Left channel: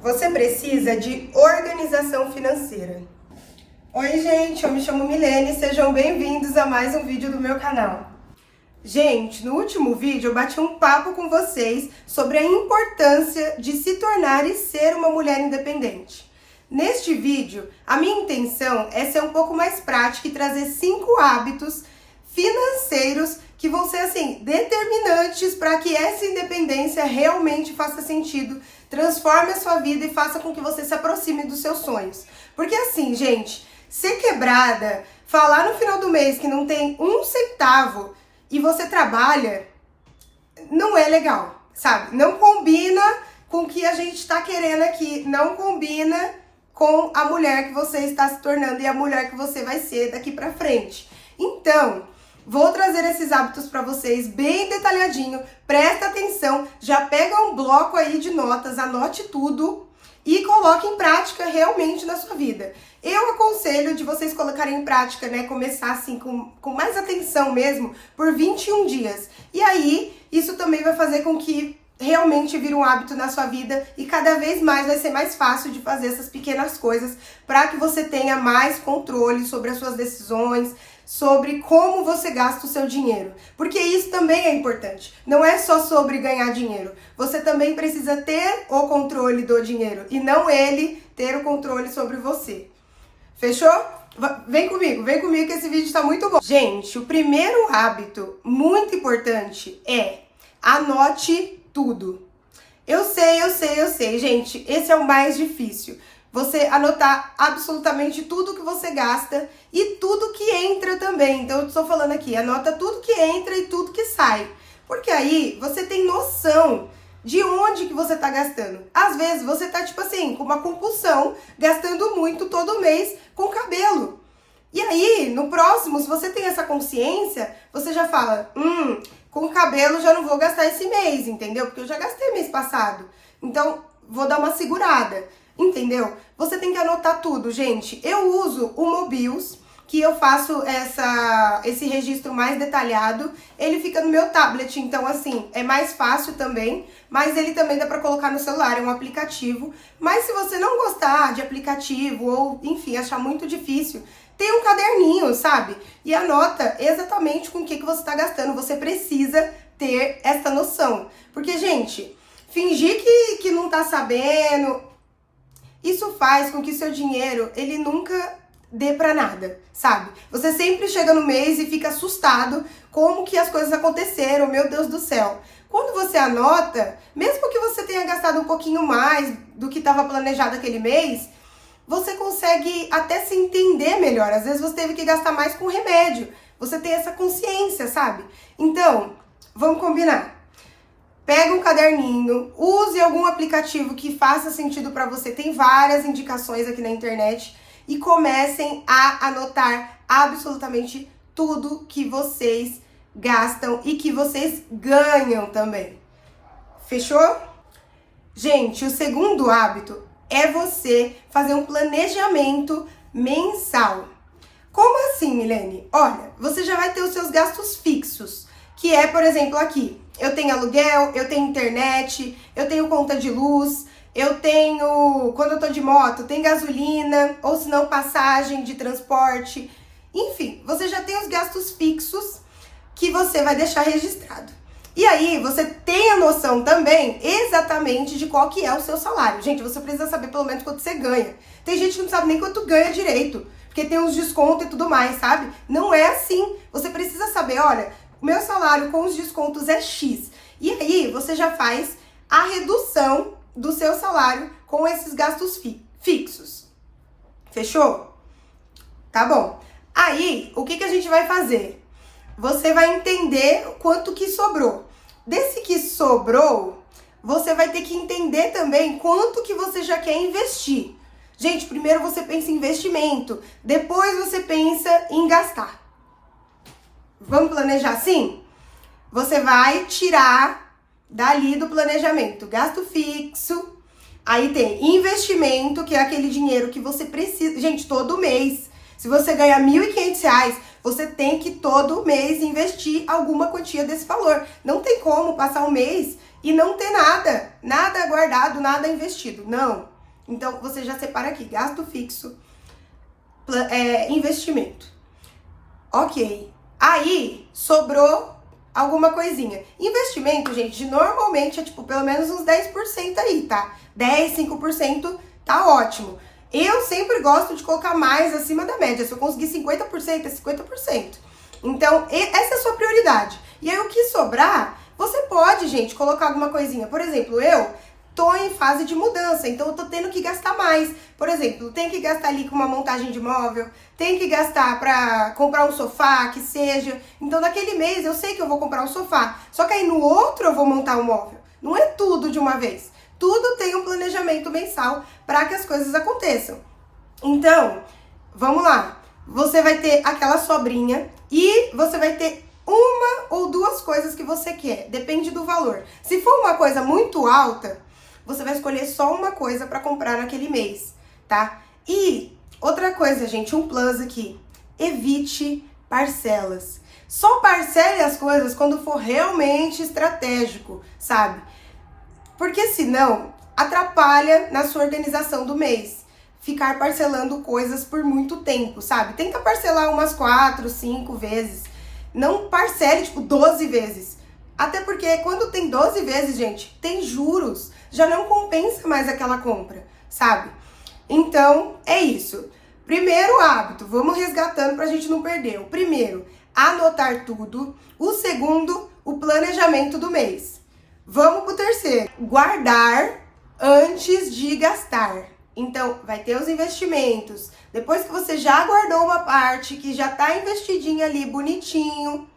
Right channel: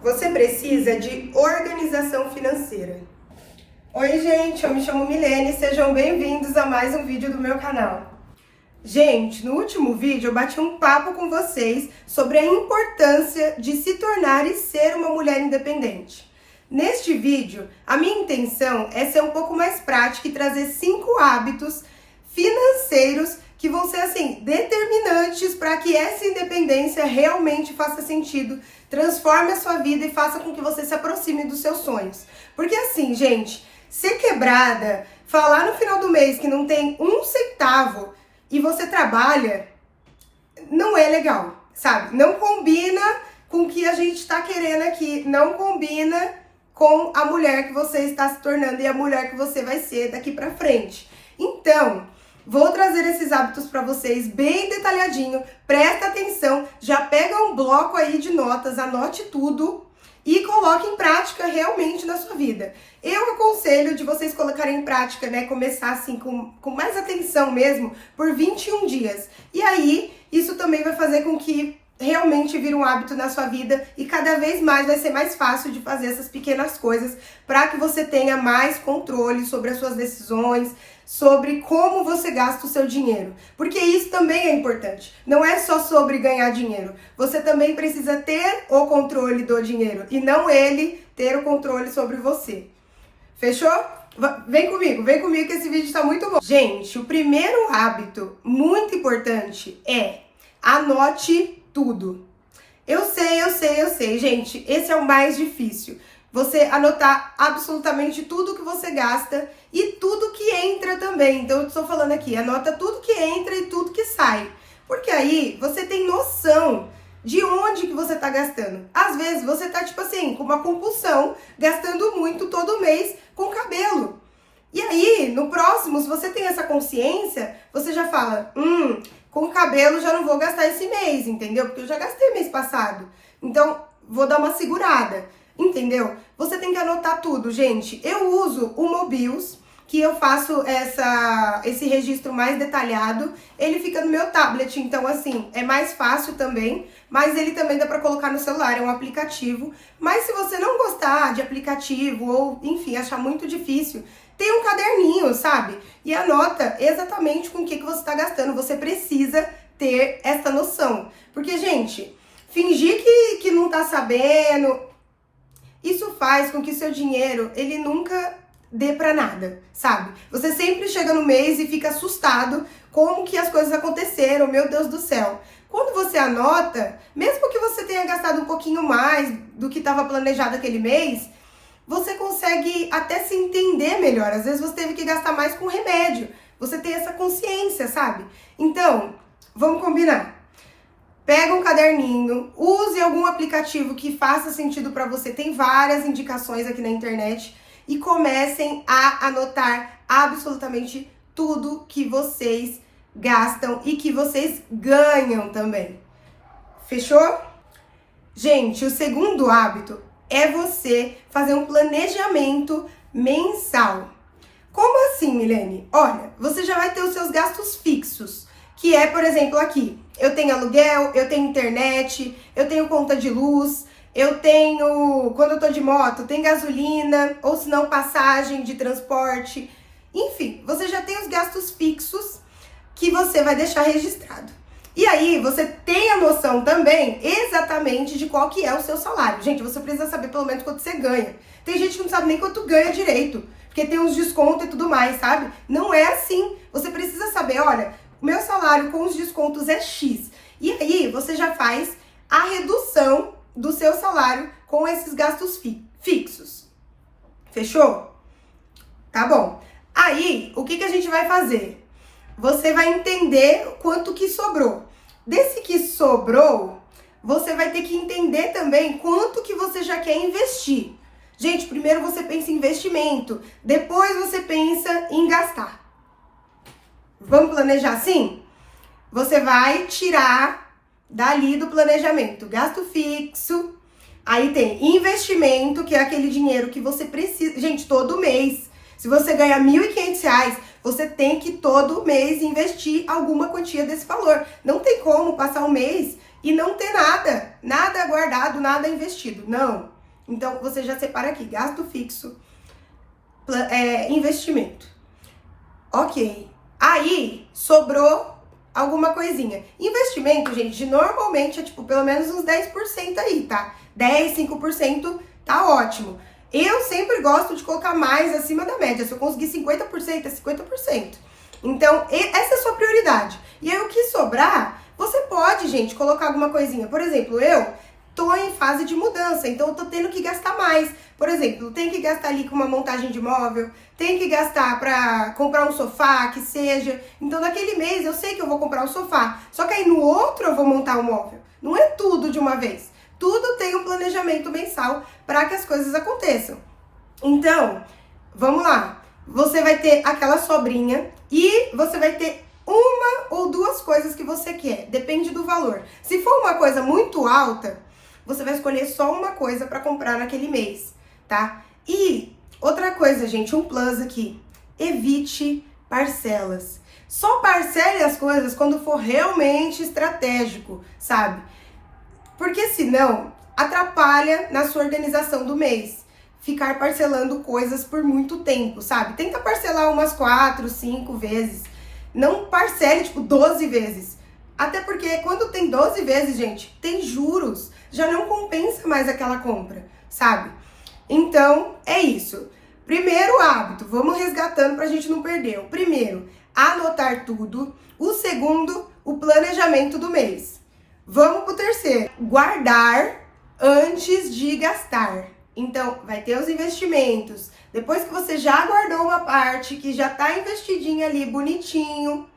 Você precisa de organização financeira. Oi, gente, eu me chamo Milene, sejam bem-vindos a mais um vídeo do meu canal. Gente, no último vídeo eu bati um papo com vocês sobre a importância de se tornar e ser uma mulher independente. Neste vídeo, a minha intenção é ser um pouco mais prática e trazer 5 hábitos financeiros que vão ser, assim, determinantes para que essa independência realmente faça sentido, transforme a sua vida e faça com que você se aproxime dos seus sonhos. Porque assim, gente, ser quebrada, falar no final do mês que não tem um centavo e você trabalha, não é legal, sabe? Não combina com o que a gente está querendo aqui, não combina com a mulher que você está se tornando e a mulher que você vai ser daqui pra frente. Então, vou trazer esses hábitos para vocês bem detalhadinho, presta atenção, já pega um bloco aí de notas, anote tudo e coloque em prática realmente na sua vida. Eu aconselho de vocês colocarem em prática, né, começar assim com mais atenção mesmo, por 21 dias. E aí, isso também vai fazer com que realmente vire um hábito na sua vida e cada vez mais vai ser mais fácil de fazer essas pequenas coisas para que você tenha mais controle sobre as suas decisões, sobre como você gasta o seu dinheiro. Porque isso também é importante. Não é só sobre ganhar dinheiro. Você também precisa ter o controle do dinheiro e não ele ter o controle sobre você. Fechou? Vem comigo que esse vídeo tá muito bom. Gente, o primeiro hábito muito importante é anote tudo. Eu sei, gente, esse é o mais difícil. Você anotar absolutamente tudo que você gasta e tudo que entra também. Então, eu estou falando aqui, anota tudo que entra e tudo que sai. Porque aí, você tem noção de onde que você tá gastando. Às vezes, você tá, tipo assim, com uma compulsão, gastando muito todo mês com cabelo. E aí, no próximo, se você tem essa consciência, você já fala, com cabelo já não vou gastar esse mês, entendeu? Porque eu já gastei mês passado. Então, vou dar uma segurada, entendeu? Você tem que anotar tudo, gente. Eu uso o Mobius, que eu faço esse registro mais detalhado. Ele fica no meu tablet, então, assim, é mais fácil também. Mas ele também dá pra colocar no celular, é um aplicativo. Mas se você não gostar de aplicativo ou, enfim, achar muito difícil, tem um caderninho, sabe? E anota exatamente com o que você tá gastando. Você precisa ter essa noção. Porque, gente, fingir que não tá sabendo, isso faz com que seu dinheiro, ele nunca dê pra nada, sabe? Você sempre chega no mês e fica assustado como que as coisas aconteceram, meu Deus do céu. Quando você anota, mesmo que você tenha gastado um pouquinho mais do que estava planejado aquele mês, você consegue até se entender melhor. Às vezes você teve que gastar mais com remédio. Você tem essa consciência, sabe? Então, vamos combinar. Pega um caderninho, use algum aplicativo que faça sentido para você. Tem várias indicações aqui na internet. E comecem a anotar absolutamente tudo que vocês gastam e que vocês ganham também. Fechou? Gente, o segundo hábito é você fazer um planejamento mensal. Como assim, Milene? Olha, você já vai ter os seus gastos fixos, que é, por exemplo, aqui, eu tenho aluguel, eu tenho internet, eu tenho conta de luz, eu tenho, quando eu tô de moto, tem gasolina, ou se não, passagem de transporte. Enfim, você já tem os gastos fixos que você vai deixar registrado. E aí, você tem a noção também exatamente de qual que é o seu salário. Gente, você precisa saber pelo menos quanto você ganha. Tem gente que não sabe nem quanto ganha direito, porque tem uns descontos e tudo mais, sabe? Não é assim. Você precisa saber, olha, o meu salário com os descontos é X. E aí, você já faz a redução do seu salário com esses gastos fixos. Fechou? Tá bom. Aí, o que a gente vai fazer? Você vai entender quanto que sobrou. Desse que sobrou, você vai ter que entender também quanto que você já quer investir. Gente, primeiro você pensa em investimento, depois você pensa em gastar. Vamos planejar assim? Você vai tirar dali do planejamento gasto fixo, aí tem investimento, que é aquele dinheiro que você precisa. Gente, todo mês, se você ganhar R$1.500, você tem que todo mês investir alguma quantia desse valor. Não tem como passar um mês e não ter nada guardado, nada investido. Não. Então, você já separa aqui, gasto fixo, investimento. Ok. Aí, sobrou alguma coisinha. Investimento, gente, normalmente é tipo pelo menos uns 10% aí, tá? 10, 5% tá ótimo. Eu sempre gosto de colocar mais acima da média. Se eu conseguir 50%, é 50%. Então, essa é a sua prioridade. E aí, o que sobrar, você pode, gente, colocar alguma coisinha. Por exemplo, eu tô em fase de mudança, então eu tô tendo que gastar mais. Por exemplo, tem que gastar ali com uma montagem de móvel, tem que gastar pra comprar um sofá, que seja. Então, naquele mês, eu sei que eu vou comprar um sofá. Só que aí, no outro, eu vou montar um móvel. Não é tudo de uma vez. Tudo tem um planejamento mensal para que as coisas aconteçam. Então, vamos lá. Você vai ter aquela sobrinha e você vai ter uma ou duas coisas que você quer. Depende do valor. Se for uma coisa muito alta, você vai escolher só uma coisa para comprar naquele mês, tá? E outra coisa, gente, um plus aqui. Evite parcelas. Só parcele as coisas quando for realmente estratégico, sabe? Porque senão atrapalha na sua organização do mês. Ficar parcelando coisas por muito tempo, sabe? Tenta parcelar umas 4, 5 vezes. Não parcele, tipo, 12 vezes. Até porque quando tem 12 vezes, gente, tem juros. Já não compensa mais aquela compra, sabe? Então, é isso. Primeiro hábito, vamos resgatando pra gente não perder. O primeiro, anotar tudo. O segundo, o planejamento do mês. Vamos pro terceiro, guardar antes de gastar. Então, vai ter os investimentos. Depois que você já guardou uma parte, que já tá investidinha ali, bonitinho,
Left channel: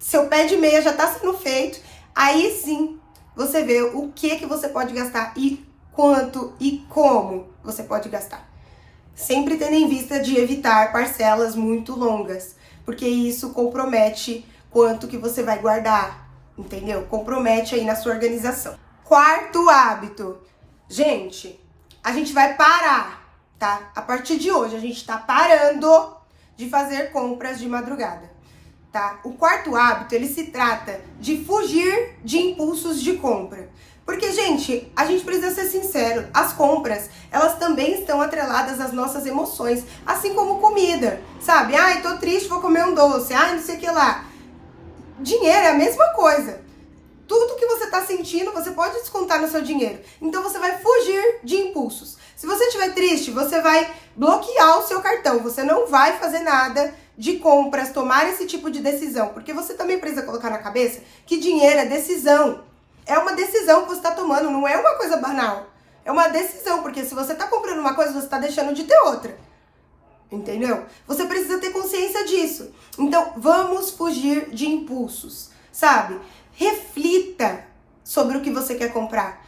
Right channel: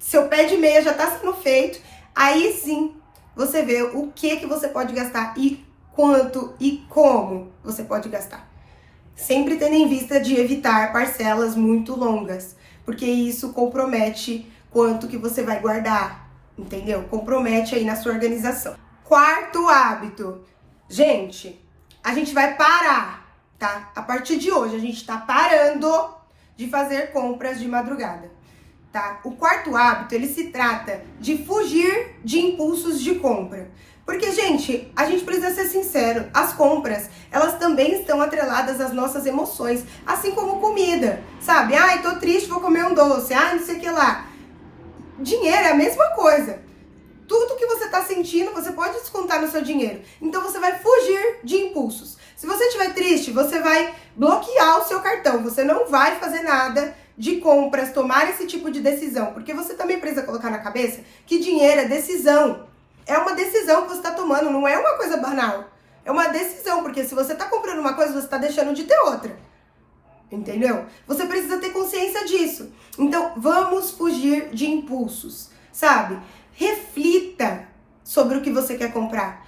seu pé de meia já tá sendo feito, aí sim, você vê o que você pode gastar e quanto e como você pode gastar. Sempre tendo em vista de evitar parcelas muito longas, porque isso compromete quanto que você vai guardar. Entendeu? Compromete aí na sua organização. Quarto hábito. Gente, a gente vai parar, tá? A partir de hoje, a gente tá parando de fazer compras de madrugada, tá? O quarto hábito, ele se trata de fugir de impulsos de compra. Porque, gente, a gente precisa ser sincero, as compras, elas também estão atreladas às nossas emoções, assim como comida, sabe? Ai, tô triste, vou comer um doce, ai, não sei o que lá. Dinheiro é a mesma coisa. Tudo que você tá sentindo, você pode descontar no seu dinheiro. Então, você vai fugir de impulsos. Se você estiver triste, você vai bloquear o seu cartão. Você não vai fazer nada de compras, tomar esse tipo de decisão. Porque você também precisa colocar na cabeça que dinheiro é decisão. É uma decisão que você tá tomando, não é uma coisa banal. É uma decisão, porque se você tá comprando uma coisa, você tá deixando de ter outra. Entendeu? Você precisa ter consciência disso. Então, vamos fugir de impulsos, sabe? Reflita sobre o que você quer comprar.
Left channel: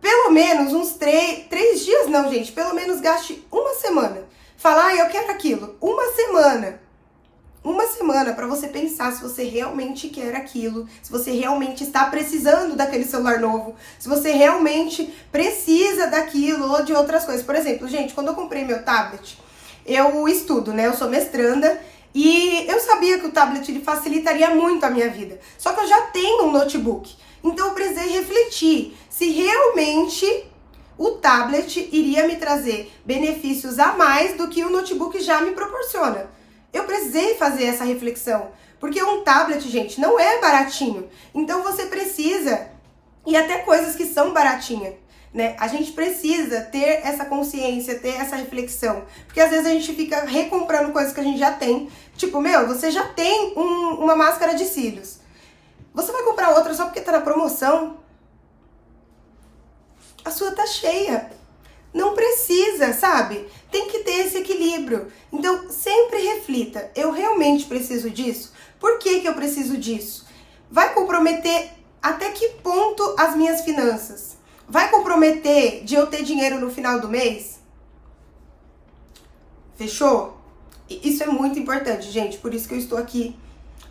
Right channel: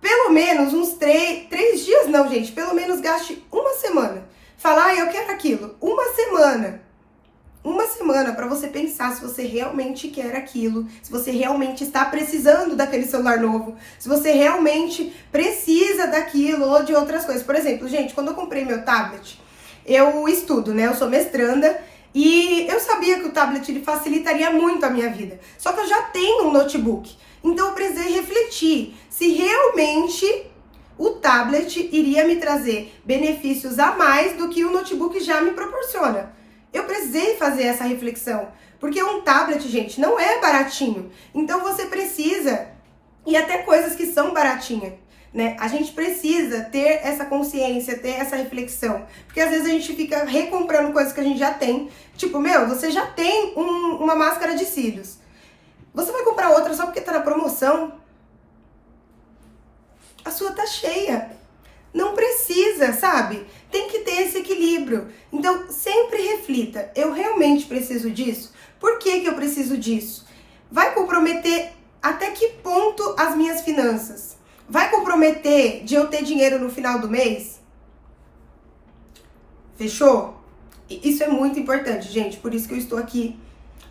Pelo menos uns 3 dias, não, gente. Pelo menos gaste uma semana. Falar, eu quero aquilo. Uma semana. Uma semana para você pensar se você realmente quer aquilo, se você realmente está precisando daquele celular novo, se você realmente precisa daquilo ou de outras coisas. Por exemplo, gente, quando eu comprei meu tablet, eu estudo, né? Eu sou mestranda e eu sabia que o tablet ele facilitaria muito a minha vida. Só que eu já tenho um notebook. Então eu precisei refletir se realmente o tablet iria me trazer benefícios a mais do que o notebook já me proporciona. Eu precisei fazer essa reflexão, porque um tablet, gente, não é baratinho. Então você precisa, e até coisas que são baratinhas, né? A gente precisa ter essa consciência, ter essa reflexão. Porque às vezes a gente fica recomprando coisas que a gente já tem. Tipo, você já tem uma máscara de cílios. Você vai comprar outra só porque tá na promoção? A sua tá cheia. Não precisa, sabe? Tem que ter esse equilíbrio. Então, sempre reflita. Eu realmente preciso disso? Por que eu preciso disso? Vai comprometer até que ponto as minhas finanças? Vai comprometer de eu ter dinheiro no final do mês? Fechou? Isso é muito importante, gente. Por isso que eu estou aqui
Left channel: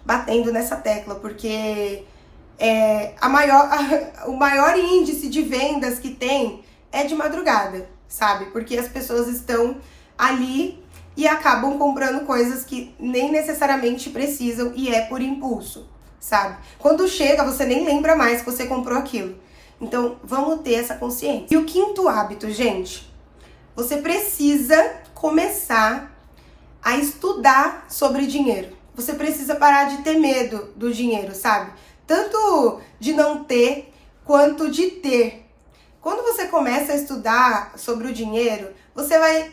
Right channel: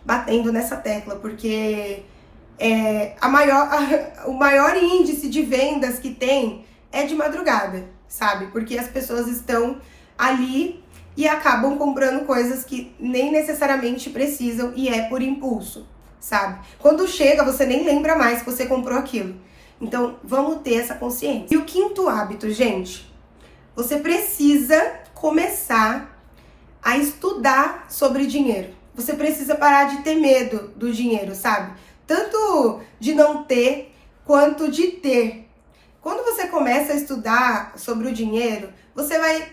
batendo nessa tecla. Porque o maior índice de vendas que tem é de madrugada, sabe? Porque as pessoas estão ali e acabam comprando coisas que nem necessariamente precisam e é por impulso, sabe? Quando chega, você nem lembra mais que você comprou aquilo. Então, vamos ter essa consciência. E o quinto hábito, gente, você precisa começar a estudar sobre dinheiro. Você precisa parar de ter medo do dinheiro, sabe? Tanto de não ter, quanto de ter. Quando você começa a estudar sobre o dinheiro, você vai,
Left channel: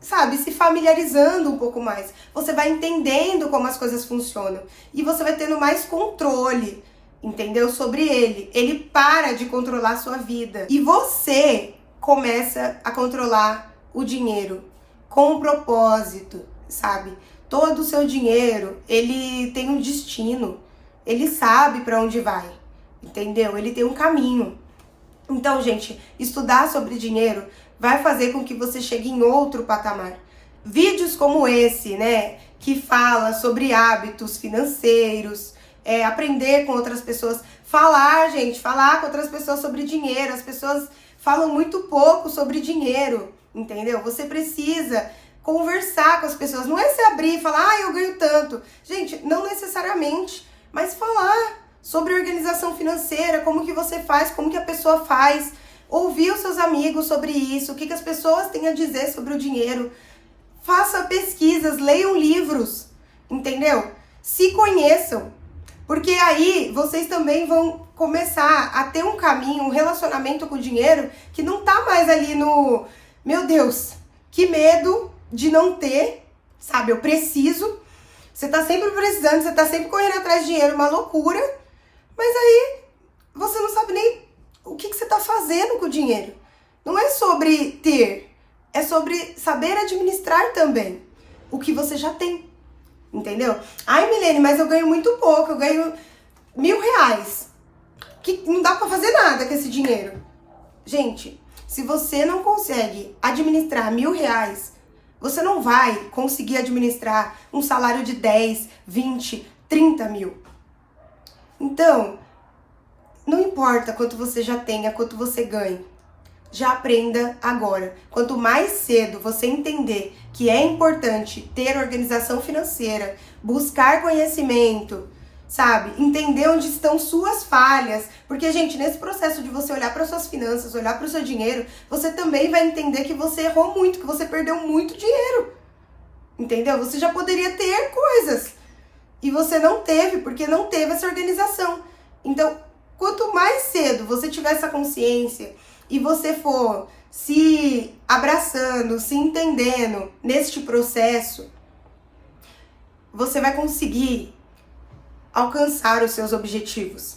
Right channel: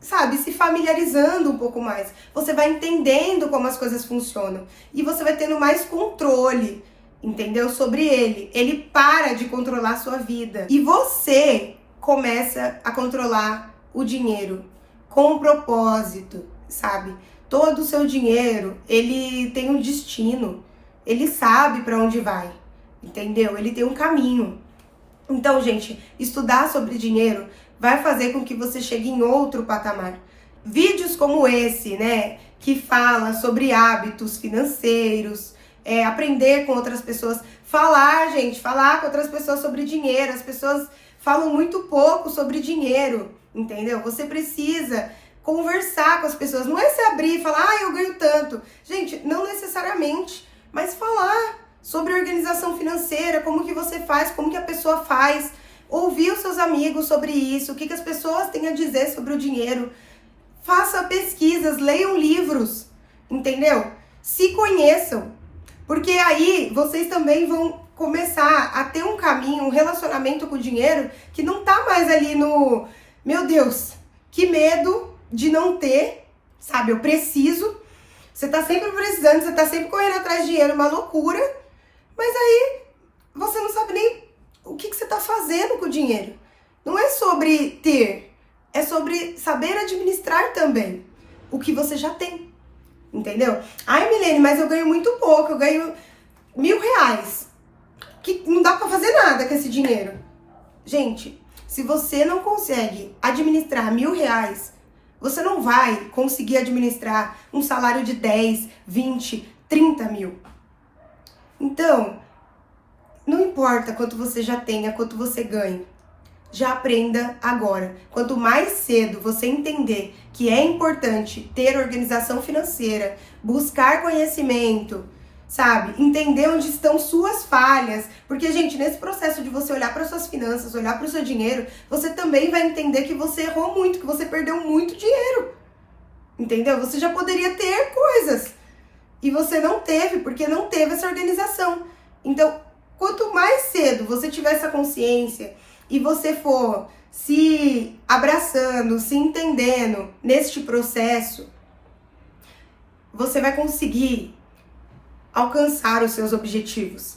sabe, se familiarizando um pouco mais. Você vai entendendo como as coisas funcionam. E você vai tendo mais controle, entendeu? Sobre ele. Ele para de controlar a sua vida. E você começa a controlar o dinheiro com um propósito, sabe? Todo o seu dinheiro, ele tem um destino. Ele sabe para onde vai, entendeu? Ele tem um caminho. Então, gente, estudar sobre dinheiro vai fazer com que você chegue em outro patamar. Vídeos como esse, né, que fala sobre hábitos financeiros, aprender com outras pessoas, falar com outras pessoas sobre dinheiro. As pessoas falam muito pouco sobre dinheiro, entendeu? Você precisa conversar com as pessoas, não é se abrir e falar, eu ganho tanto. Gente, não necessariamente, mas falar sobre organização financeira, como que você faz, como que a pessoa faz, ouvir os seus amigos sobre isso, o que as pessoas têm a dizer sobre o dinheiro. Faça pesquisas, leiam livros, entendeu? Se conheçam, porque aí vocês também vão começar a ter um caminho, um relacionamento com o dinheiro que não tá mais ali no, meu Deus, que medo de não ter, sabe? Eu preciso. Você tá sempre precisando, você tá sempre correndo atrás de dinheiro, uma loucura. Mas aí você não sabe nem o que você tá fazendo com o dinheiro. Não é sobre ter, é sobre saber administrar também o que você já tem. Entendeu? Ai, Milene, mas eu ganho muito pouco, eu ganho R$1.000. Que não dá pra fazer nada com esse dinheiro. Gente, se você não consegue administrar R$1.000, você não vai conseguir administrar um salário de 10, 20, 30 mil. Então, não importa quanto você já tenha, quanto você ganhe. Já aprenda agora. Quanto mais cedo você entender que é importante ter organização financeira, buscar conhecimento, sabe? Entender onde estão suas falhas. Porque, gente, nesse processo de você olhar para suas finanças, olhar para o seu dinheiro, você também vai entender que você errou muito, que você perdeu muito dinheiro. Entendeu? Você já poderia ter coisas. E você não teve, porque não teve essa organização. Então, quanto mais cedo você tiver essa consciência e você for se abraçando, se entendendo neste processo, você vai conseguir alcançar os seus objetivos.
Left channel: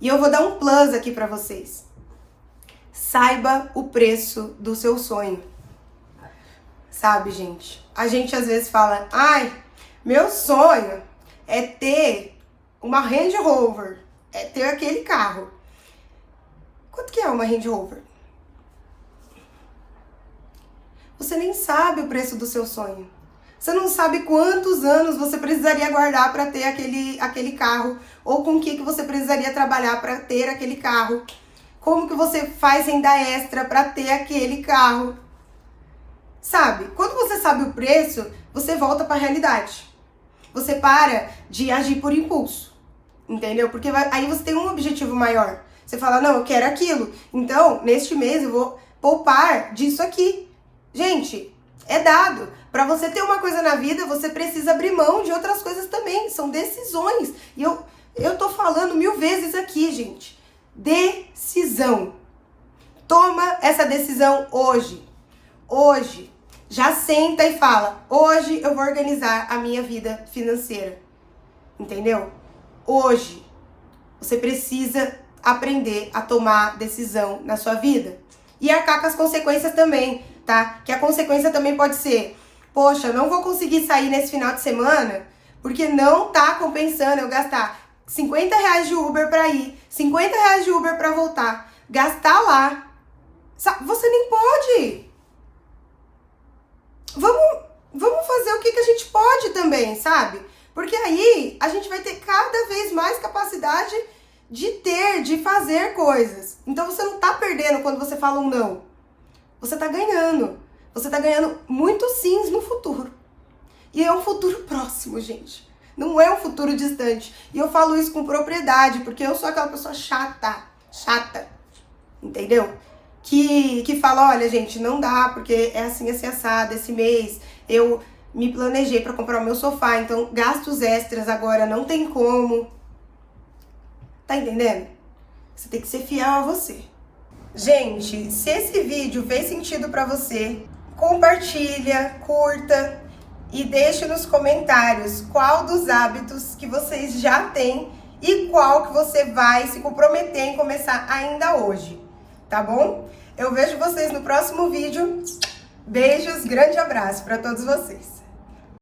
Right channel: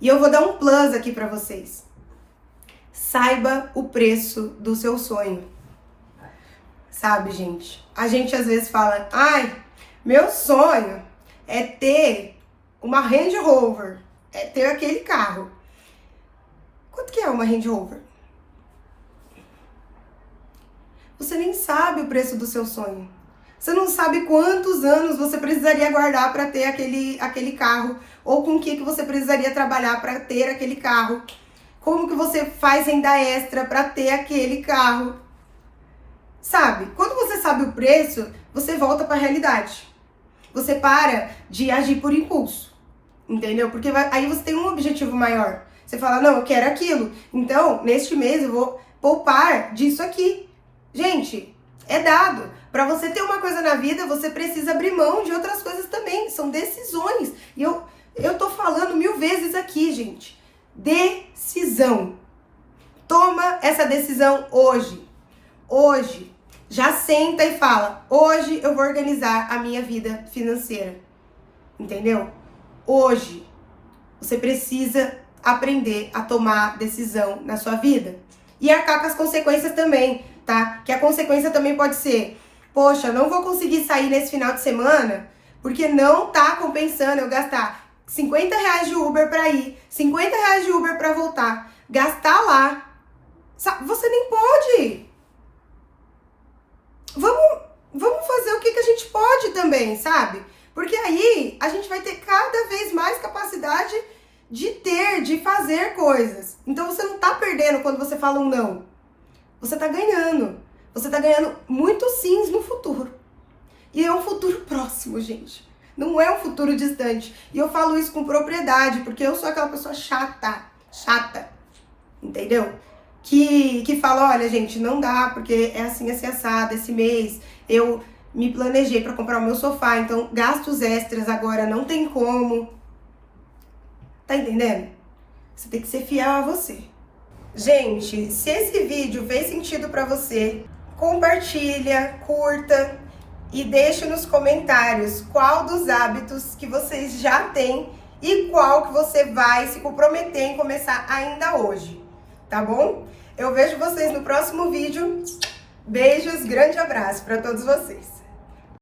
E eu vou dar um plus aqui para vocês. Saiba o preço do seu sonho. Sabe, gente? A gente às vezes fala, ai, meu sonho é ter uma Range Rover, é ter aquele carro. Quanto que é uma Range Rover? Você nem sabe o preço do seu sonho. Você não sabe quantos anos você precisaria guardar para ter aquele carro, ou com o que você precisaria trabalhar para ter aquele carro. Como que você faz renda extra para ter aquele carro. Sabe? Quando você sabe o preço, você volta para a realidade. Você para de agir por impulso, entendeu? Porque aí você tem um objetivo maior. Você fala, não, eu quero aquilo. Então, neste mês eu vou poupar disso aqui. Gente, é dado. Para você ter uma coisa na vida, você precisa abrir mão de outras coisas também. São decisões. E eu tô falando 1000 vezes aqui, gente. Decisão. Toma essa decisão hoje. Hoje. Já senta e fala, hoje eu vou organizar a minha vida financeira. Entendeu? Hoje. Você precisa aprender a tomar decisão na sua vida. E arcar com as consequências também, tá? Que a consequência também pode ser, poxa, eu não vou conseguir sair nesse final de semana porque não tá compensando eu gastar R$50 de Uber pra ir, R$50 de Uber pra voltar, gastar lá. Você nem pode. Vamos fazer o que a gente pode também, sabe? Porque aí a gente vai ter cada vez mais capacidade de fazer coisas. Então você não tá perdendo quando você fala um não. Você tá ganhando. Você tá ganhando muitos sims no futuro. E é um futuro próximo, gente. Não é um futuro distante. E eu falo isso com propriedade, porque eu sou aquela pessoa chata. entendeu? Que fala, olha, gente, não dá, porque é assim assado, esse mês eu me planejei para comprar o meu sofá, então gastos extras agora não tem como. Tá entendendo? Você tem que ser fiel a você. Gente, se esse vídeo fez sentido para você, compartilha, curta e deixe nos comentários qual dos hábitos que vocês já têm e qual que você vai se comprometer em começar ainda hoje, tá bom? Eu vejo vocês no próximo vídeo. Beijos, grande abraço para todos vocês.